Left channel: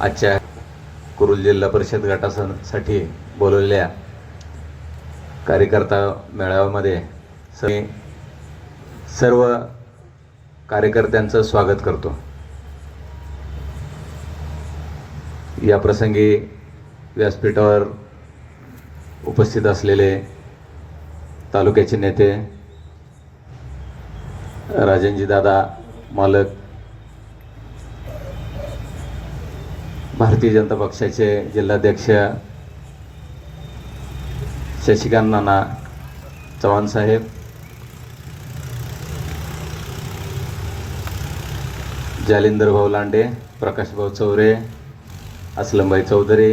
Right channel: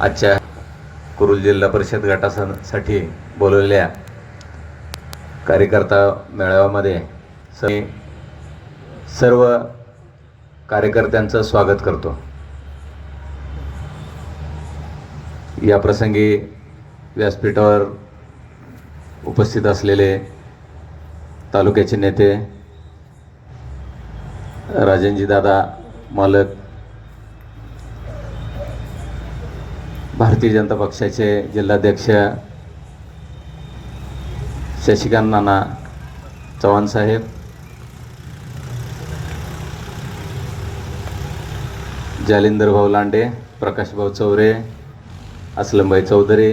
आजच्या कुरुल जिल्हा परिषद गटासाठी बोलवलेल्या कार्यकर्ता मेळाव्यामध्ये सर्व कार्यकर्त्यांचं स्वागत करतो. या प्रसंगी व्यासपीठावर उपस्थित असलेले तालुक्याचे नेते राजनजीदादा मालक भारतीय जनता पक्षाचे जिल्हाध्यक्ष शशिकांत नाना चव्हाण साहेब जालिंदर भाऊ लांडे प्रकाशभाऊ चौरे असलमभाई चौधरी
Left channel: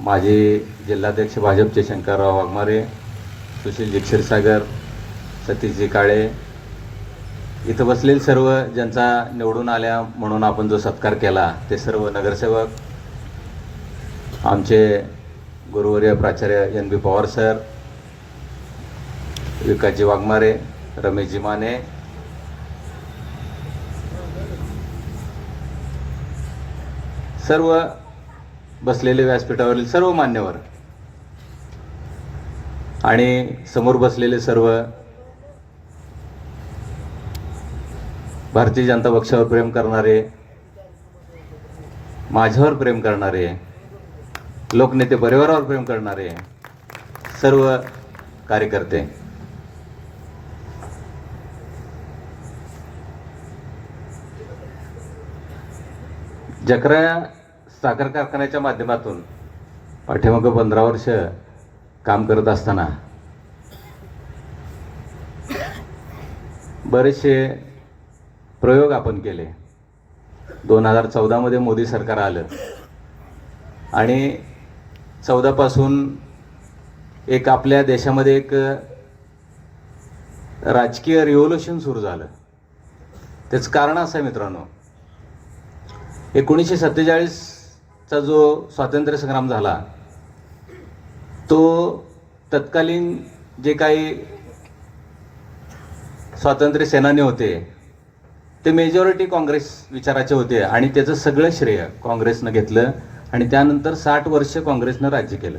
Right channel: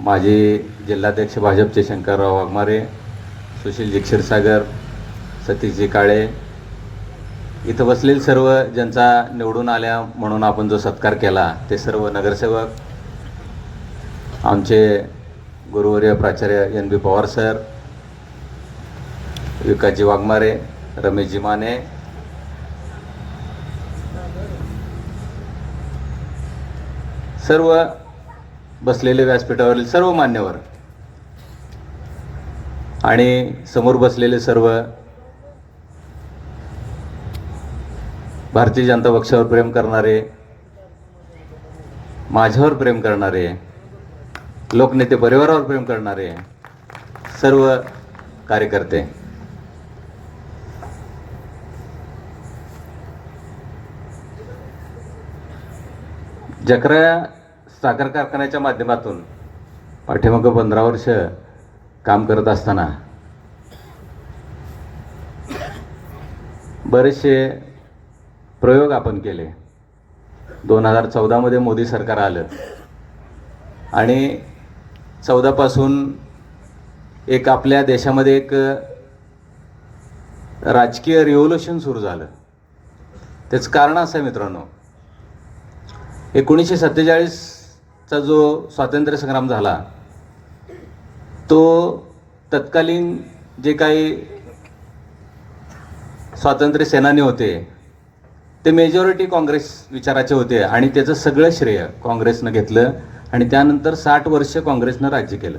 माजी जिल्हाध्यक्ष भाजपचे शंकरराव वाघमारे सुशील क्षीरसागर सतीशजी काळे इथं बसलेले सर्व ज्यांचा निवडून आल्या म्हणून आपण जो सत्कार केला ते सर्व नगरसेवक आमचे गुरुवर्य प्राचार्य N B Pawar sir Vikasji Waghmare Rameshji Mane सर्व बसलेले व्यासपीठावरील सर्व मान्यवर आणि समोर बसलेले सर्व भारतीय जनता पक्षावर प्रेम करणारे माझ्यावर प्रेम करणारे लोकनेते परिवारावर प्रेम करणारे सर्व कार्यकर्ते. जकरा साखर कारखान्याच्या माध्यमातून पाठीमागं पंधरा वर्ष काम करत असताना बरेचसे प्रयोग आपण केले. दोन हजार चौदामध्ये मोदी सरकार आलं. आणि चौदापासून एक आपल्या देशामध्ये एक राजकीय रिव्होल्युशन सुरू झालं. त्याचं कारण असं आहे मित्रांनो. एकोणीसशे सत्तेचाळीसचा जो स्वातंत्र्य संग्राम झाला तो तत्कालीन जे काही स्वातंत्र्य सेनानी होते ते मेजॉरिटी काँग्रेस विचाराचे होते आणि त्याचं सगळं श्रेय काँग्रेसनं घेतलं आणि त्यानंतर साठ वर्ष काँग्रेसनं राज्य केलं.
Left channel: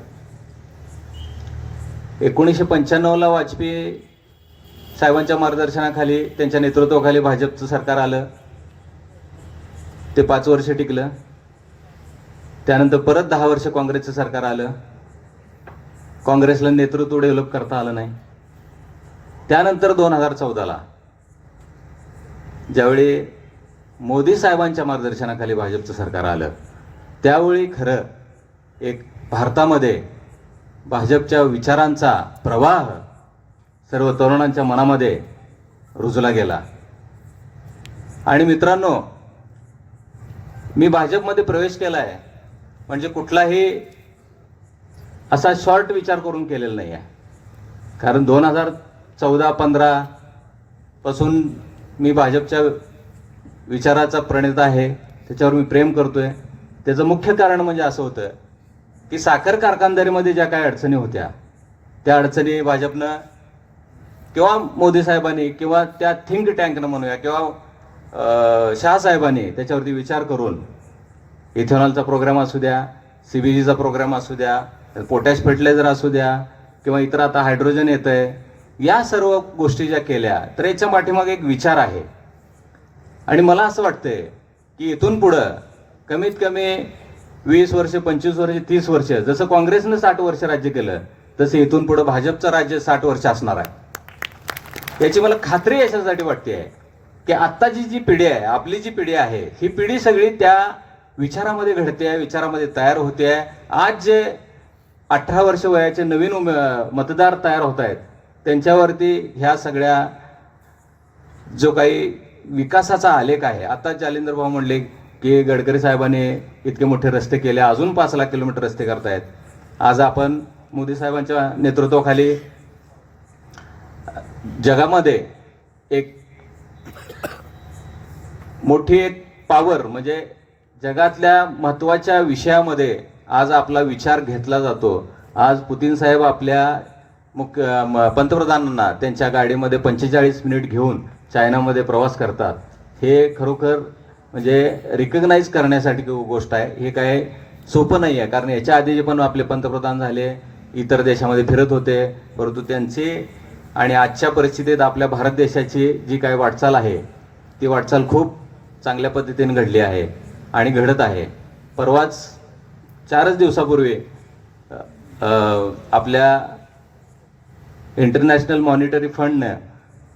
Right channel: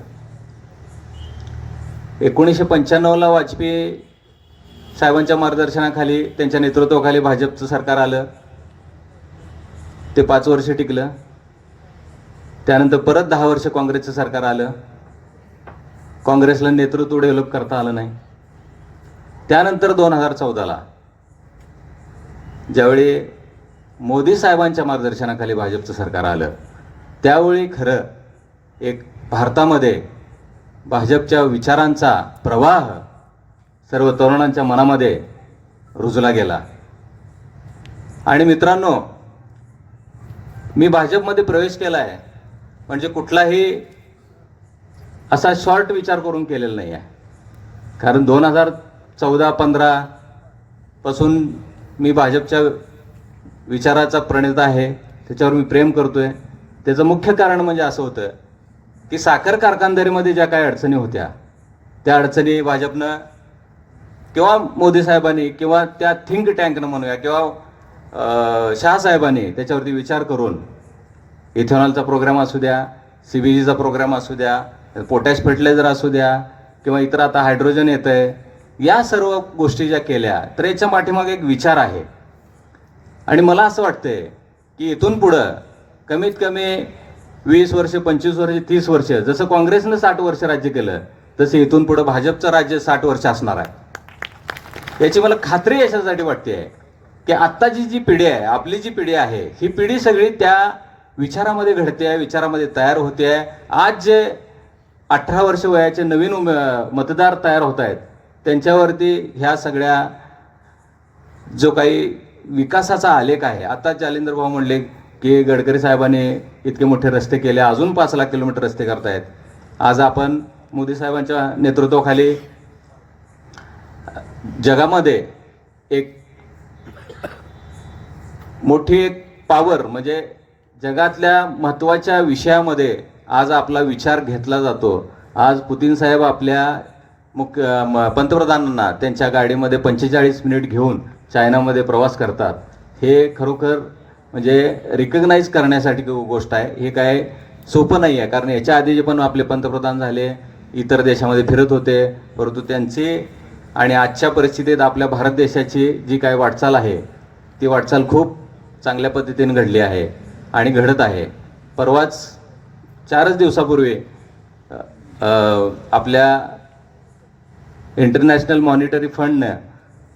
एकोणीसशे पंच्याण्णवला वाजपेयी साहेबांच्या मार्गदर्शनाखाली त्यांच्या नेतृत्वाखाली भाजपचं सरकार आलं. ते पाच वर्ष टिकलं. त्यानंतर परत दहा वर्ष काँग्रेसचं सरकार आलं. काँग्रेसला नेतृत्व डेव्हलप करता आलं नाही. त्यानंतर दोन हजार चौदाला ज्यावेळी मोदी साहेबांच्या मार्गदर्शनाखाली भाजपचं सरकार आलं त्यावेळी खरं एक भारतामध्ये भाजपच्या विचारांचा प्रवाह सर्व तरुणांच्या मनामध्ये रुजला गेला. आणि मित्रांनो मी भाजपमध्ये प्रवेश केला आहे म्हणजे कुठलाही असा शॉर्ट विचार करून केलेला नाही आहे कारण दोन हजार चौदा पंधरापासून मी भाजपच्या विचाराचा प्रणेता आहे त्याच्यावर मी प्रेम करतोय. त्याचं मुख्य कारण म्हणजे असं होतं की साखर कारखानदारीमध्ये ज्या काही अडचणी होत्या त्या अडचणी भाजपनं किंवा मोदी साहेबांनी किंवा त्या थिंक टँकनं म्हणूया किंवा शहासाहेबांनी त्याच्यावरती विचार करून इथेनॉलचा प्रोग्राम असू द्या सी बी जीचा प्रोग्राम असू द्या पोटॅश फर्टिलायझर असू द्या किंवा इतर आता हायड्रोजन येतं आहे या सर्व गोष्टी ज्या केल्या तर याच्या पाठीमागे एक विचार आहे. आणि मला असं वाटतंय की इथून पुढं कमीत कमी वीस वर्ष पंचवीस वर्ष तीस वर्ष जसं काँग्रेसनं साठ वर्ष राज्य केलं तसं इथून पुढं भाजपचं राज्य साठ वर्ष असणार आहे. याची मला खात्री याच्यासाठी वाटते की आत्ताची जी पिढी आहे आपली जी पिढी आहे ही पिढी सगळी त्या विचारामध्ये घडते आहे विचारामध्ये तयार होते आहे. आज जे अठरा वर्ष वयाचे नवीन उमे- मतदार तयार होत आहेत त्यांच्यावरती ह्या सगळ्या जो काही विकासाचा आलेख आहे आता जालेंद्र भाऊ म्हणले की गडकरी साहेबांनी इतके मोठे रस्ते केले अजून पाच लाख किलोमीटर रस्ते करतायत. आज आपण मोदी साहेबांच्या नेतृत्वाखाली जगामध्ये एक मोठी एक पॉवर म्हणजे जगातल्या महत्त्वाच्या विषयामध्ये आज आपला विचार घेतला जातो. आज पुतीन साहेब आपल्या मुख्य म- पंतप्रधानांना त्यांच्या गाडीमध्ये पंचेचाळीस मिनिट घेऊन चायनामध्ये प्रवास करतात. हे खरोखर म्हणजे रिकग्नाईज करण्यासाठी गोष्ट आहे. हे काय सोपं नाही आहे. कारण याच्या आधी जे पण आपले पंतप्रधान झाले इतर देशामध्ये फिरत होते परंतु त्यांची आणि आजच्या परिस्थितीत आपल्या भारत देशाची जी काय वाटचाल आहे ती वाटचाल खूप चांगल्या पद्धतीने घडली आहे आणि घडत आहे. परवाच चारच दिवसापूर्वी आपल्या इंटरनॅशनल मॉनिटरी फंडनं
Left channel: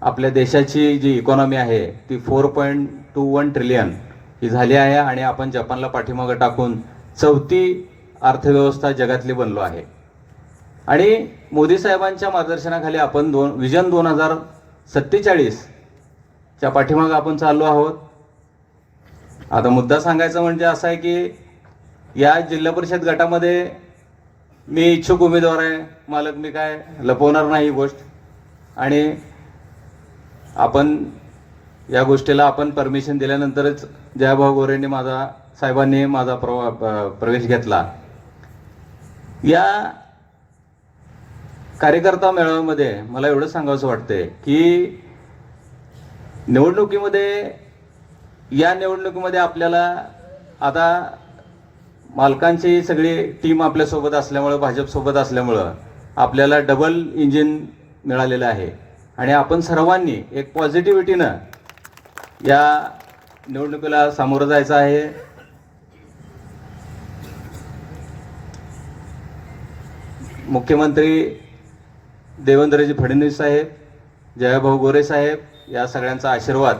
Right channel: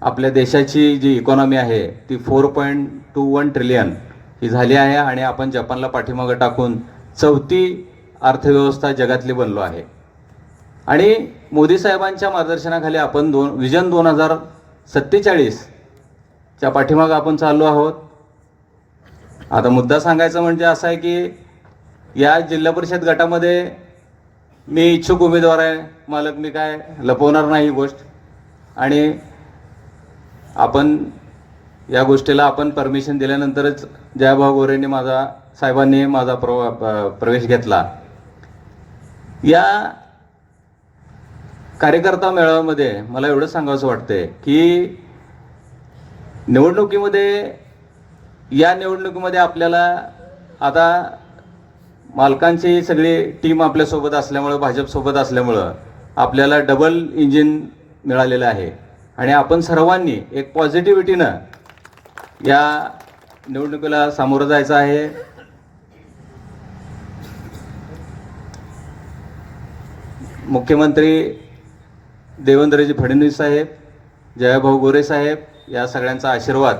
आपल्या देशाची जी इकॉनॉमी आहे ती four point two one trillion ही झाली आहे आणि आपण जपानला पाठीमागं टाकून चौथी अर्थव्यवस्था जगातली बनलो आहे. आणि मोदी साहेबांच्या मार्गदर्शनाखाली आपण दोन विजन दोन हजार सत्तेचाळीसच्या पाठीमागं आपण चाललो आहोत. आता मुद्दा सांगायचा म्हणजे असा आहे की या जिल्हा परिषद गटामध्ये मी इच्छुक उमेदवार आहे मालक मी काय लपवणार नाही ही गोष्ट. आणि आपण या गोष्टीला आपण परमिशन दिल्यानंतरच जयाभाऊ गोरेंनी माझा साहेबांनी माझा प्रवा प्रवेश घेतला. या कार्यकर्ता मेळाव्यामध्ये मला एवढं सांगावंसं वाटतंय की निवडणुकीमध्ये या निवडणुकीमध्ये आपल्याला आता मालकांची सगळी टीम आपल्यासोबत असल्यामुळं भाजपसोबत असल्यामुळं आपल्याला डबल इंजिन मिळालेलं आहे. आणि आपण सर्वांनी एक पॉझिटिव्हिटीनं या निवडणुकीला सामोरं जायचं आहे. मुख्यमंत्री देवेंद्रजी फडणवीस साहेब जयाभाऊ गोरे साहेब या सगळ्यांचा आशीर्वाद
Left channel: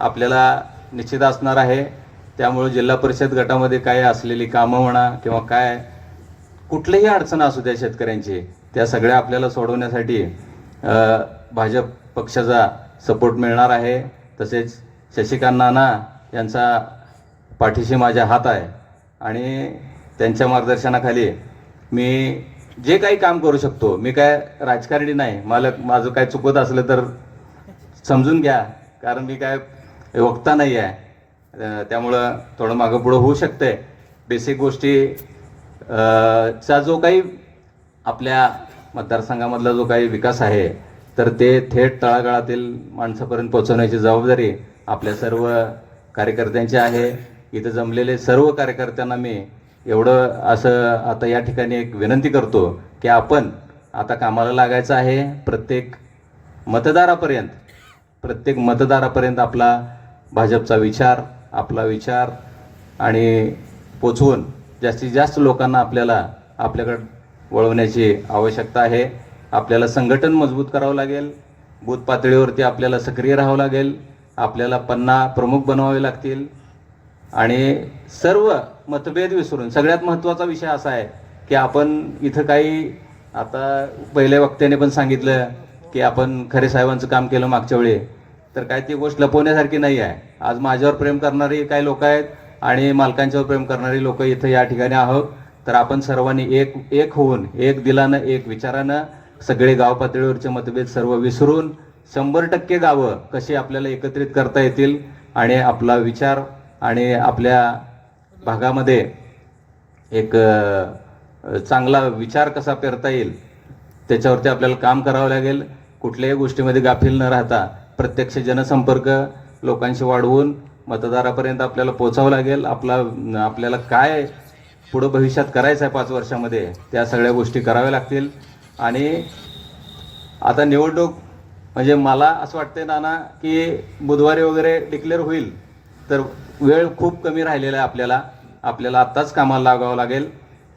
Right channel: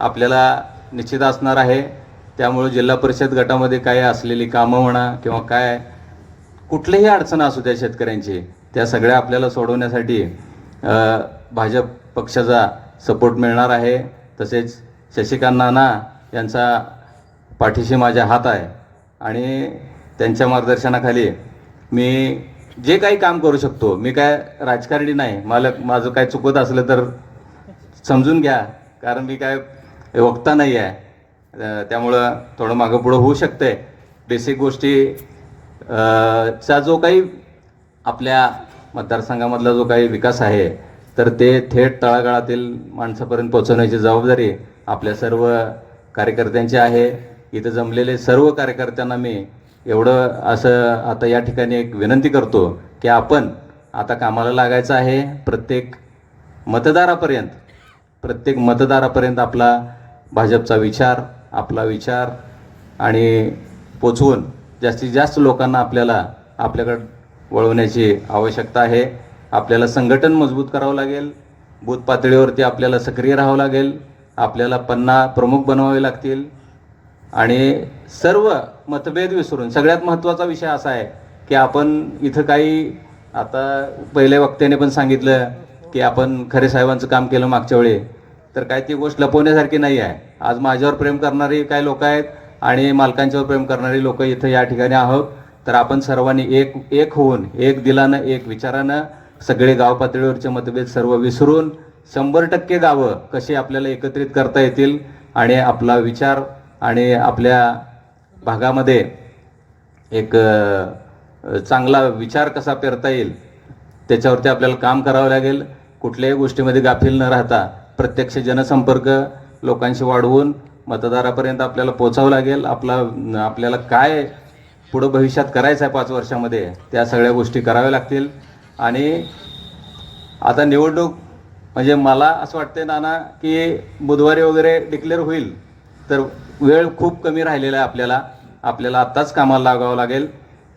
आपल्याला निश्चित असणार आहे. त्यामुळे जिल्हा परिषद गटामध्ये काय असलेली कामं म्हणा किंवा काय कुठलीही अडचण असू द्या शेतकऱ्यांची त्या सगळ्या आपल्याला सोडवण्यासाठी भाजप पक्षाचा सपोर्ट मिळणार आहे. तसेच शशिकांत नाना यांचा पाठीशी माझ्या हात आहे. आणि त्यांच्या मार्गदर्शनाखाली मी जे काही काम करू शकतो मी काय राजकारणी नाही मला माझं काय चुकत असलं तर समजून घ्या. कारण मी काय वक्ता नाही आहे त्यामुळं थोडं मागं पुढं होऊ शकतंय. बेसिक गोष्टी चा जो काही आपल्या मतदारसंघामधला जो काही विकास आहे तर ते थेट तळागाळातील माणसापर्यंत पोहोचवण्याची जबाबदारी आपल्या सर्व कार्यकर्त्यांची आहे. इथं जमलेले सर्व कार्यकर्त्यांना मी एवढं असं आता या ठिकाणी एक विनंती करतो की आपण आता कामाला लागायचं आहे. प्रत्येक मतदारापर्यंत प्रत्येक मतदारापर्यंत आपला भाजपचा विचार आपला विचार आणि पोचवून जास्तीत जास्त लोकांना आपल्याला आपल्याकडे वळवण्याची आवश्यकता आहे. आपल्याला संघटन मजबूत करावं लागेल. बूथ पातळीवरती आपल्याला सक्रिय राहावं लागेल. आपल्याला पन्ना प्रमुख बनवावे लागतील. आणि सर्व मतभेद विसरून सगळ्यात महत्त्वाचा विषय असा आहे की आपण इथं काही आता पहिल्या वक्त्याने पण सांगितलं की आपण खरे साहेबांचं काम केलं मागच्या वेळी. तर काय ती गोष्ट लपवण्यासारखी नाही आहे. आज माझ्यावर प्रेम करणारी काही लोक आहेत आणि मालकांच्यावर प्रेम करणारी लोक इथं या ठिकाणी आहोत. तर आपण सर्वांनी एक एक होऊन एक दिलानं एक विचारानं सगळे गाव पातळीवरचे मतभेद सर्व विसरून शंभर टक्के गावं कशी आपल्याला एकत्रित करता येतील आणि आपला विचार आणि आपल्या भागामध्ये एक चांगला विचार कसा पेरता येईल त्याच्यावरती आपल्याला काम करावं लागेल. कुठल्याही गोष्टीमध्ये गाफील न राहता प्रत्यक्ष जनसंपर्क लोकांशी वाढवून मतदारापर्यंत आपल्याला पोचावं लागेल. आपला आपल्याला काय पुढं भविष्यात करायचं आहे पाच वर्षामध्ये त्या सगळ्या गोष्टी कराव्या लागतील. आणि आता निवडणूक म्हणजे मला असं वाटतंय नाना की बुधवारी वगैरे डिक्लेअर होईल तर वेळ खूप कमी राहिलेला आहे आपल्याला. आपल्याला आत्ताच कामाला लागावं लागेल.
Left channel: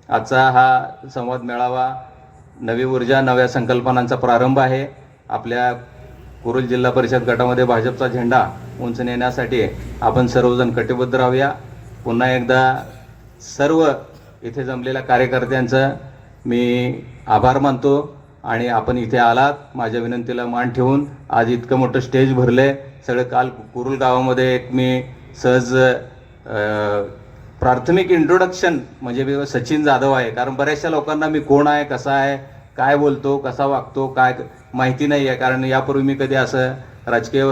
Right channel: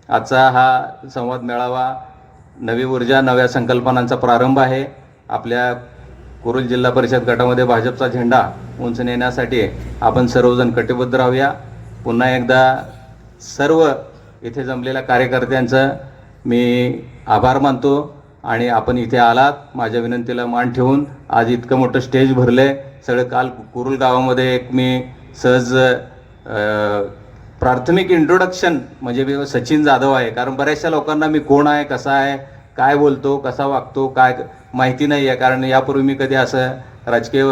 आजचा हा संवाद मेळावा नवी ऊर्जा नव्या संकल्पनांचा प्रारंभ आहे. आपल्या कुरुल जिल्हा परिषद गटामध्ये भाजपचा झेंडा उंच नेण्यासाठी आपण सर्वजण कटिबद्ध राहूया. पुन्हा एकदा सर्व इथे जमलेल्या कार्यकर्त्यांचं मी आभार मानतो आणि आपण इथे आलात. माझ्या विनंतीला मान ठेवून आज इतकं मोठं स्टेज भरलंय. सगळं काल कुरुल गावामध्ये एक मी सहज प्राथमिक इंट्रोडक्शन म्हणजे मी सचिन जाधव आहे. कारण बऱ्याचशा लोकांना मी कोण आहे कसा आहे काय बोलतो कसा वागतो काय माहिती नाही आहे कारण यापूर्वी मी कधी असं राजकीय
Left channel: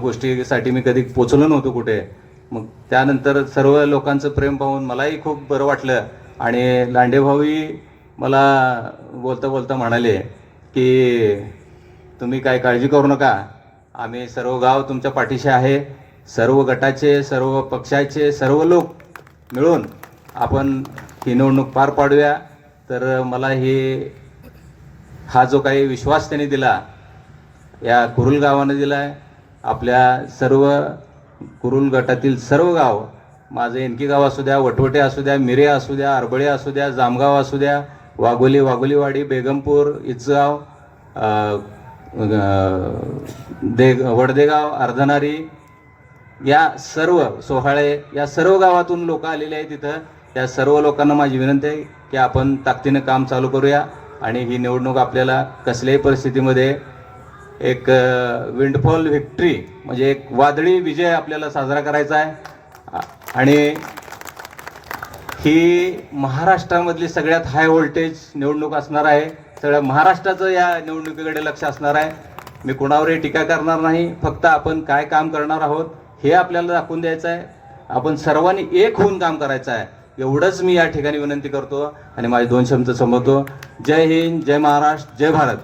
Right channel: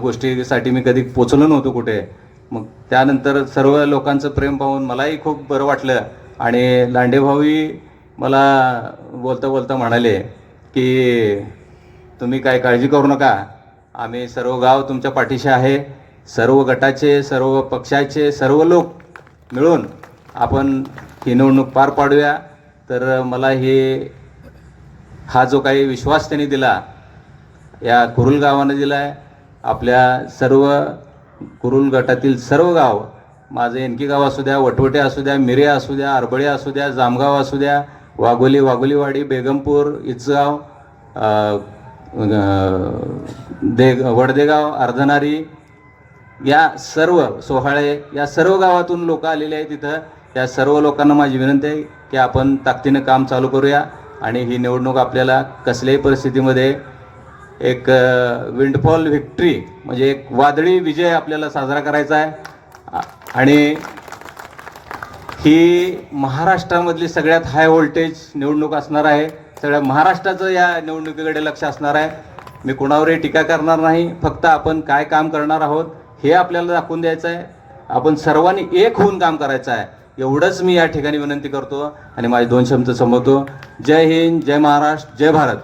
गोष्टीसाठी मी कधी पोचलो नव्हतो कुठे. मग त्यानंतर सर्व लोकांचं प्रेम पाहून मलाही खूप बरं वाटलं. आणि लांडेभाऊही मला बोलता बोलता म्हणाले की तुम्ही काय काळजी करू नका. आम्ही सर्व गाव तुमच्या पाठीशी आहे. सर्व गटाचे सर्व पक्षाचे सर्व लोक मिळून आपण ही निवडणूक पार पाडूया. तर मला हे हा जो काही विश्वास त्यांनी दिला या कुरुल गावानं दिला आहे आपल्या सर्व कुरुल गटातील सर्व गाव माझं एनकी गाव असू द्या वटवटे असू द्या मिरे असू द्या अरबळे असू द्या जामगाव असू द्या वाघोली वाघोलीवाडी बेगमपूर इचगाव दे वडदेगाव अर्धनारी या सर्व सोहाळे या सर्व गावातून लोक आलेले आहेत तिथं त्या सर्व लोकांना माझी विनंती आहे की आपण ताकदीनं काम चालू करूया. आणि ही निवडणूक आपल्याला कसल्याही परिस्थितीमध्ये एक विंडफॉल व्हिक्ट्री म्हणजे एक वादळी विजय आपल्याला साजरा करायचा आहे. आणि ही महाराष्ट्रामधली सगळ्यात हाय व्होल्टेज निवडणूक असणार आहे. सगळ्या महाराष्ट्राचं या निवडणुकीकडे लक्ष असणार आहे. मी कोणावरही टीका करणार नाही. फक्त आपण काय काम करणार आहोत हे आपल्याला दाखवून द्यायचं आहे. आपण सर्वांनी एक होऊन काम करायचं आहे. एवढंच मी या ठिकाणी विनंती करतो आणि माझे दोन शब्द संबोधतो जय हिंद जय महाराष्ट्र जय भारत.